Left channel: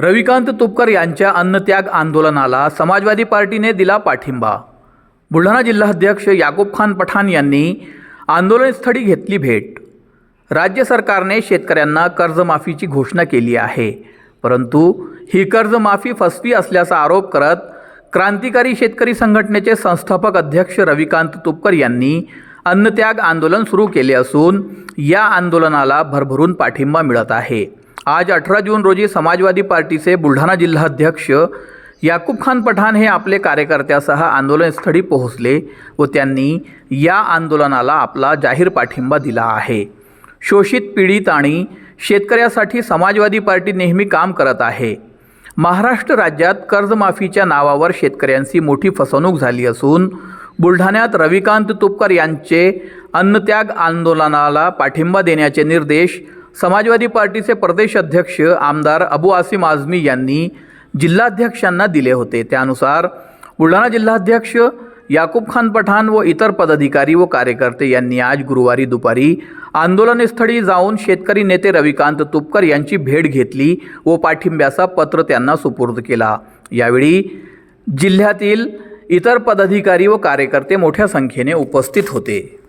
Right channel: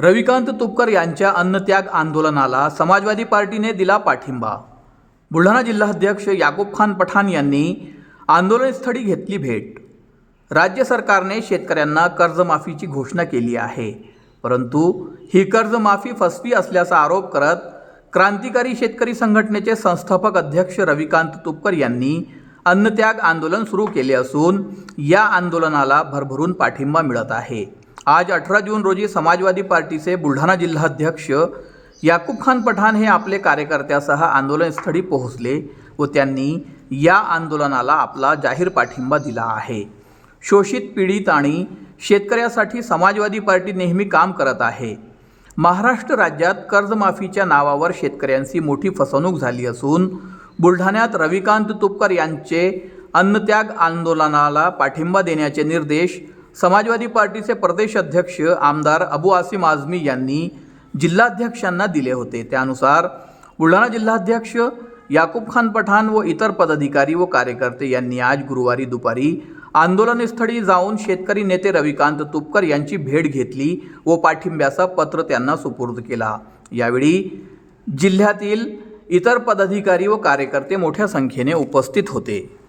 रविकांत तुपकर यांच्या अन्नत्याग आंदोलनाला समाजवादी पार्टीने दिला पाठिंबा। बुलढाणा जिल्हाध्यक्ष याकूब खान पठाण यांनी आंदोलनस्थळी घेतली भेट। राज्य सरकारने शेतकऱ्यांना कर्जमाफीची घोषणा केली आहे, परंतु ही कर्जमाफी फसवी असल्याचा आरोप करत क्रांतिकारी शेतकरी संघटनेचे संस्थापक अध्यक्ष रविकांत तुपकर यांनी अन्नत्याग आंदोलन सुरू केले असून या आंदोलनाला भरभरून पाठिंबा मिळत आहे। आज 18 जून रोजी समाजवादी पार्टीचे बुलढाणा जिल्हाध्यक्ष याकूब खान पठाण हे आपले कार्यकर्त्यासह आंदोलनस्थळी पोहोचले व त्यांनी या आंदोलनाला आपला जाहीर पाठिंबा दिला आहे। शोषित, पीडित आणि शेतकऱ्यासाठी समाजवादी पार्टी नेहमी काम करत आहे। महाराष्ट्र राज्यात कर्जमाफीच्या नावावर शेतकऱ्यांची मोठी फसवणूक झाली असून बुलढाण्यात रविकांत तुपकर यांचे अन्नत्याग आंदोलनाला पाठिंबा देण्याचे निर्देश समाजवादी पार्टीचे प्रदेश अध्यक्ष आमदार अबू आसिम आझमी यांनी जिल्हाध्यक्षांना दिले होते। त्यानुसार बुलढाणा जिल्हाध्यक्ष याकूब खान पठाण व इतर पदाधिकारी व कार्यकर्ते यांनी आज गुरुवारी दुपारी आंदोलनस्थळी जाऊन शेतकरी नेते रविकांत तुपकर यांची भेट घेतली व पाठिंब्याचा पत्र त्यांना सुपूर्द केला। यावेळी जिल्ह्यातील इतर पदाधिकारी व कार्यकर्ते मोठ्या संख्येने उपस्थित होते।